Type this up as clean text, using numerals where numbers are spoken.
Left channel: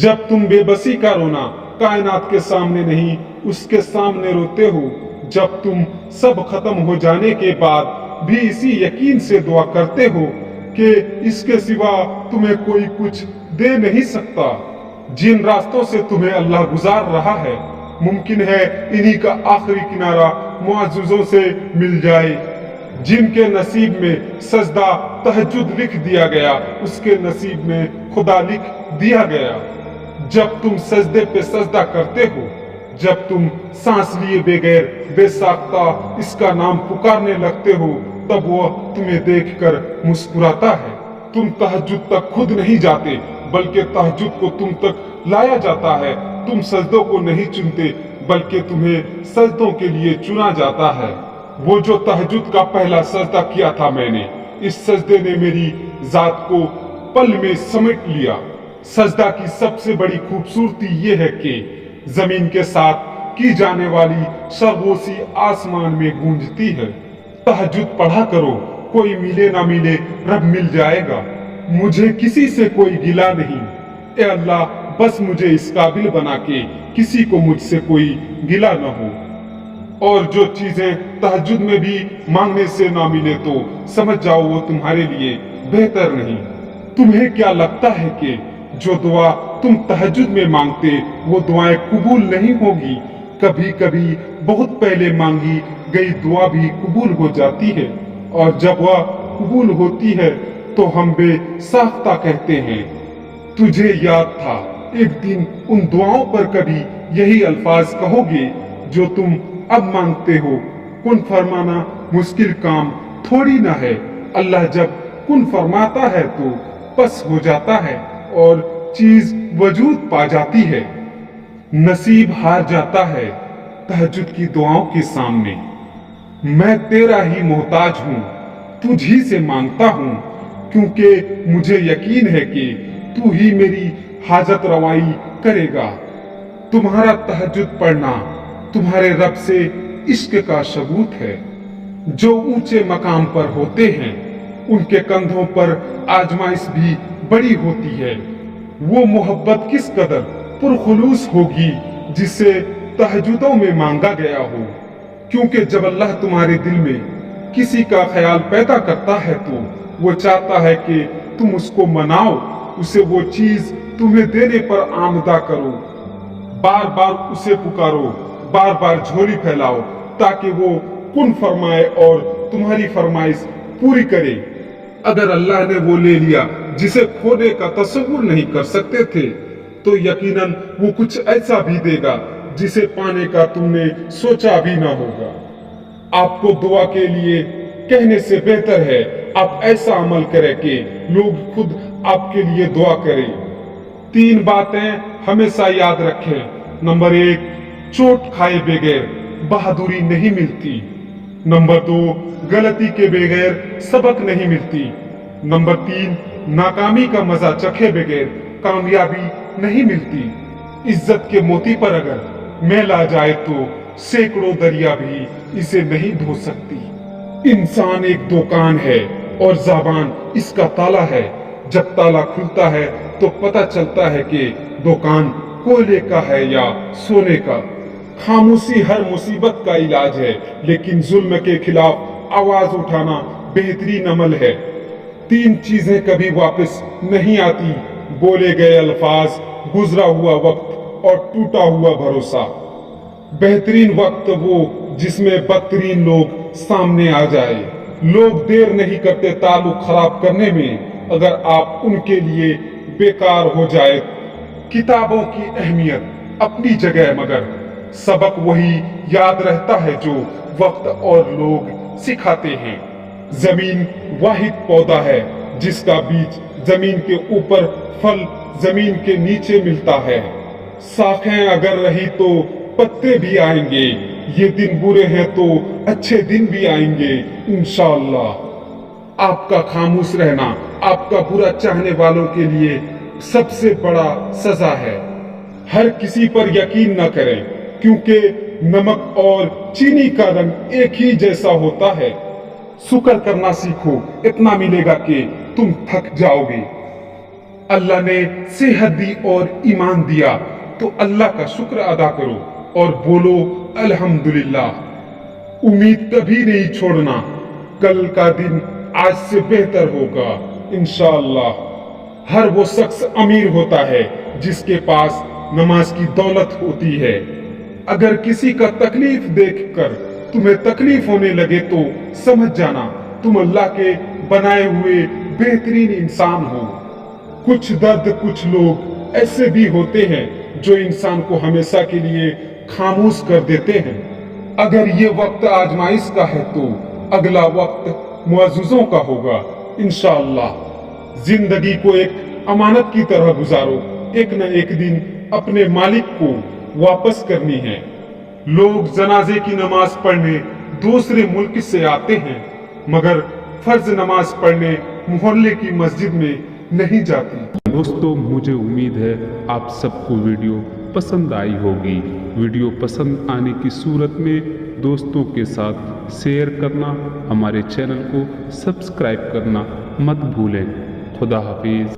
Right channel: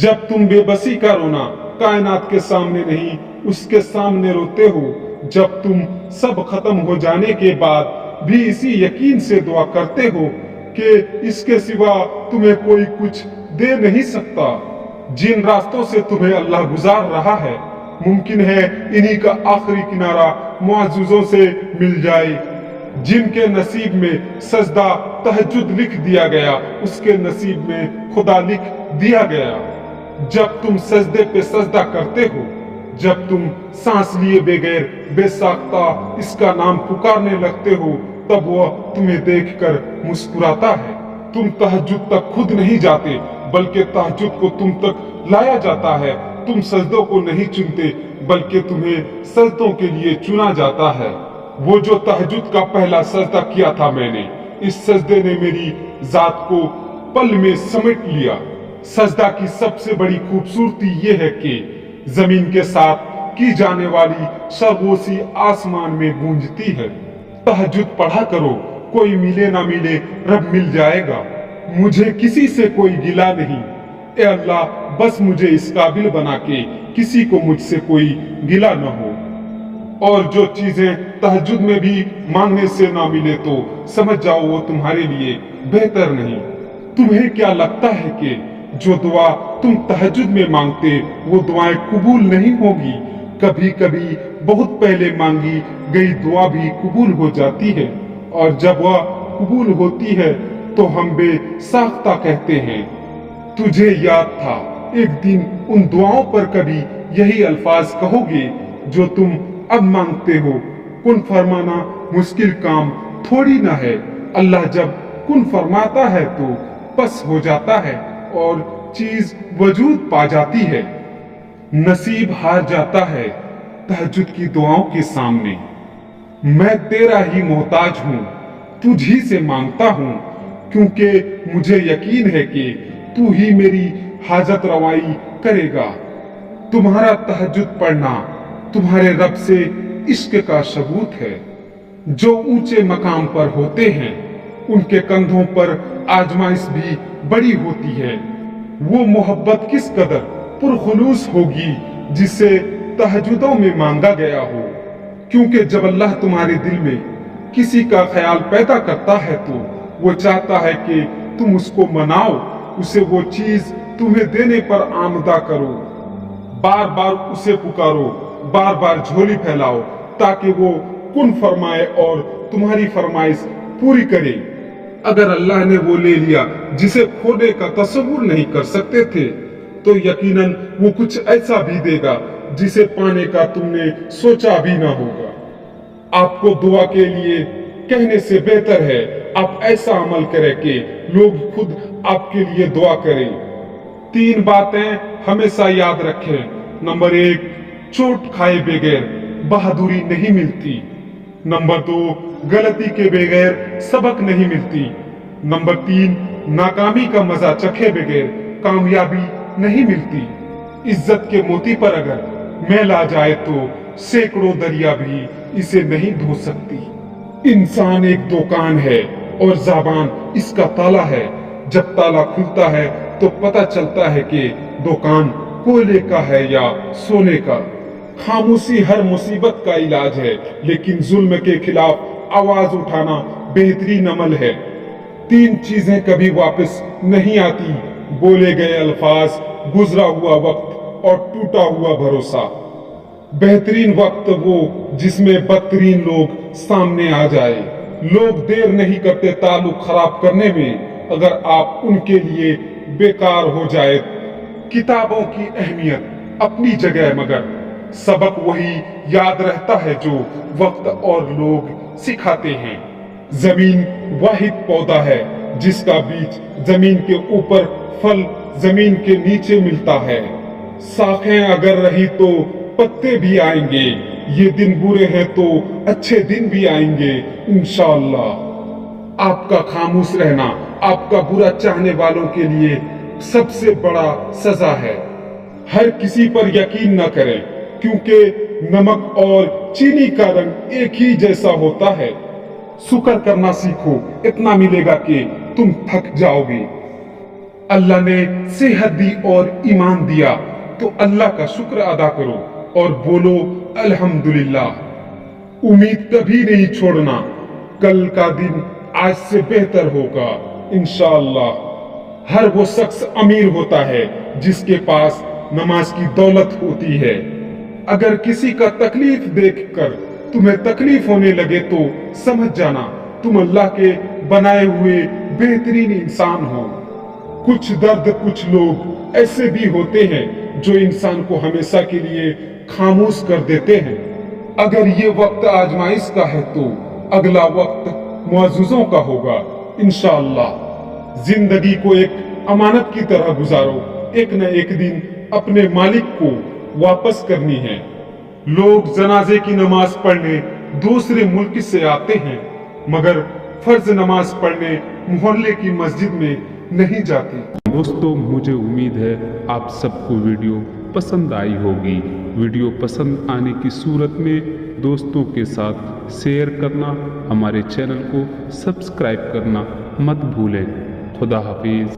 जब तुम बेबसी का रोना कायनात के सामने नहीं उसके सामने रोते हो, जब तुम सब खत्म हो जाने के बाद भी इसी यकीन से दुआ करते हो कि इसके सिवा तुम्हें कोई कुछ दे नहीं सकता। जिन रास्तों से तुम्हें अल्लाह गुजार रहा है, मुमकिन है इन्हीं का आखिरी किनारा मुअज्जिज़ों से मिल जाए। जिनके नसीब में सजदा तहज्जुद लिख दिया गया, उसके नसीब में खुदा लिख दिया गया। जब तुम सजदे पे सजदा करते हो, जब तुम सांस लिए बगैर बेसाख्ता इसका नाम पुकारने लगते हो, तब वह तुम्हें देखकर मुस्कुराता है। तुम तहज्जुद तक खुद नहीं जाते, बल्कि तहज्जुद को तुम तक लाया जाता है। तुम सजदों को नहीं चुनते, बल्कि तुम्हें सजदों के लिए चुना जाता है। वो जो तहज्जुद का पहला सजदा किया था मैंने, इस सजदे ने मेरी जात को पल में समेट लिया। सजदा की सबसे बड़ी खूबसूरती ये है कि जमीन के साथ की जाने वाली सरगोशी आसमान में गूंजती है। तहज्जुद पढ़ा करो, कोई मिले ना मिले रब मिल जाएगा। मुझे किसी से कोई गिला नहीं, ए अल्लाह बस मुझे इस काबिल बना के किसी को मुझसे कोई गिला न हो। और जो चीजें तहज्जुद में भी मांगने से ना मिले तो समझ जाओ वो तुम्हारे लिए बेहतर नहीं। तुम्हें क्या लगता है कि जो दुआ तुम तहज्जुद में मांगते वो दुआएं कबूल नहीं होगी? कभी कभी बहुत पहले मांगी गई दुआ भी कबूल हो जाती है, और जब वह कबूल होती है तो हम बेसाख्ता कहते हैं। तुझे याद था एक दिन उन दुआओं पर कभी यही अल्फाज कहोगे जो तुम अब मांगते हो। कुन फरमाना मुश्किल काम थोड़ी ना है। अल्लाह जब कुन फरमाता है तो बस हो जाता है और चीज वजूद पा जाती है। नसीब हार जाता है तहज्जुद की दुआओं के सामने। मैं तेरा ही मोहताज हूँ, तुझ ही से मांगता हूँ, क्योंकि मुझे यकीन है कि तू ही मेरी हाजत रवाई करेगा। तुम्हारा तहज्जुद पढ़ना तुम्हारे रब से इश्क का सबूत है। जो ऊंचे मकाम पर होते हैं उनके कंधों पर आजमाइश भी बड़ी होती है। वो मोहब्बत किस कदर पुरखुलूस होगी जिसे तहज्जुदों में मांगा गया हो, क्योंकि जब अल्लाह तुम्हारे दिल में किसी का ख्याल पैदा करता है तो वो चाहता है कि तुम उसको मनाओ, उसे वो चीज तुम्हें देने पर आमदा करो। बार बार उसे पुकारो, बार बार झोली फैलाओ, ताकि वो कुन फरमाए और तुम्हारी फरमाइश पूरी करे। अगर अल्लाह ने वो ले लिया जिसे खोने का तस्वुर नहीं कर सकते थे, तो यकीनन वो कुछ ऐसा भी देगा जिसे पाने का तुमने सोचा भी ना होगा। आपको दुआ के लिए कहने से बेहतर है आप ऐसा अमल करें कि लोग खुद आपके लिए दुआ करें। 3 बातें हमेशा याद रखें। नंबर 1, चोट खाए बगैर बहादुरी नहीं मिलती। नंबर 2, गलती के बगैर सबक नहीं मिलती। नंबर 3, नाकामी का मजा चखे बगैर कामयाबी नहीं मिलती। इज्जत के मोती पर अगर मैल आ जाए तो सैकड़ों दरिया भी इसे नहीं धो सकती। इंसान एक दुकान है और ज़बान इसका ताला है। जब ताला खुलता है तो पता चलता है कि दुकान कोयले का है या सोने का। खामोशी हर मुसीबत का इलाज है, लेकिन जुल्म के खिलाफ आवाज उठाना बेहतरीन अमल है। 3 चीजें कभी वापस नहीं आती: बोले गए अल्फाज, गुजरा हुआ वक्त और टूटा हुआ भरोसा। बेहतरीन वक्त वो जिसमें बदतरीन लोग सामने आ जाए। लोग देर नहीं करते ताल्लुक खराब करने में, अगर आप उनके लिए बेकार हो जाए। किताबों की अहमियत अपनी जगह, मगर सबक वही याद रहता है जो वक्त और लोग सिखाते हैं। जमीन वाहिद पौधा है जिसका बीज जमीन के ऊपर, फल जमीन के नीचे मिलता है। शाखें अगर रही तो पत्ते भी आएंगे। ये दिन बुरे हैं तो अच्छे दिन भी आएंगे इंशाअल्लाह। आपका खामोश रहना आपका बुरा चाहने वालों के लिए सबसे बड़ा सजा है। हर किसी पर यकीन न करें, क्योंकि नमक और चीनी का रंग एक ही जैसा होता है। शुक्र करना सीखो, इतना मिलेगा कि तुम थक जाओगे। अल्लाह ने सेहत दी और ईमान दिया तो अल्लाह का शुक्र अदा करो और बोलो अल्हम्दुलिल्लाह। उम्मीद कभी नहीं छोड़ना, कल का दिन आज से बेहतर होगा इंशाअल्लाह। हर वो शख्स अमीर होता है जिसके पास नमाज की दौलत होती है। अगर किसी का तकलीफ देखकर तुम्हें तकलीफ होने लगे तो समझ जाना तुम अल्लाह के बनाए हुए बेहतरीन इंसान हो। कुछ दर्द कुछ लोग ऐसे भी होते हैं जो इंसान को हमेशा के लिए खामोश कर देते हैं। अगर ये वक्त आजमाइश का है तो अगला वक्त मुअज्जिज़ों का होगा इंशाअल्लाह। जिंदगी को एक अमानत की तरह गुजारो, एक न एक दिन अपने मालिक को वापस करनी है। लोग जनाजे की नमाज पढ़ने दूसरे मुल्क से आते हैं मगर फर्ज नमाज पढ़ने मोहल्ले की मस्जिद में नहीं जाती। दोस्तों, मुझे उम्मीद है आप सबको वीडियो पसंद आई होगी। वीडियो पसंद आने की सूरत में दोस्तों के साथ शेयर करना, हमारे चैनल को सब्सक्राइब करना मत भूलें। खुदा हाफिज।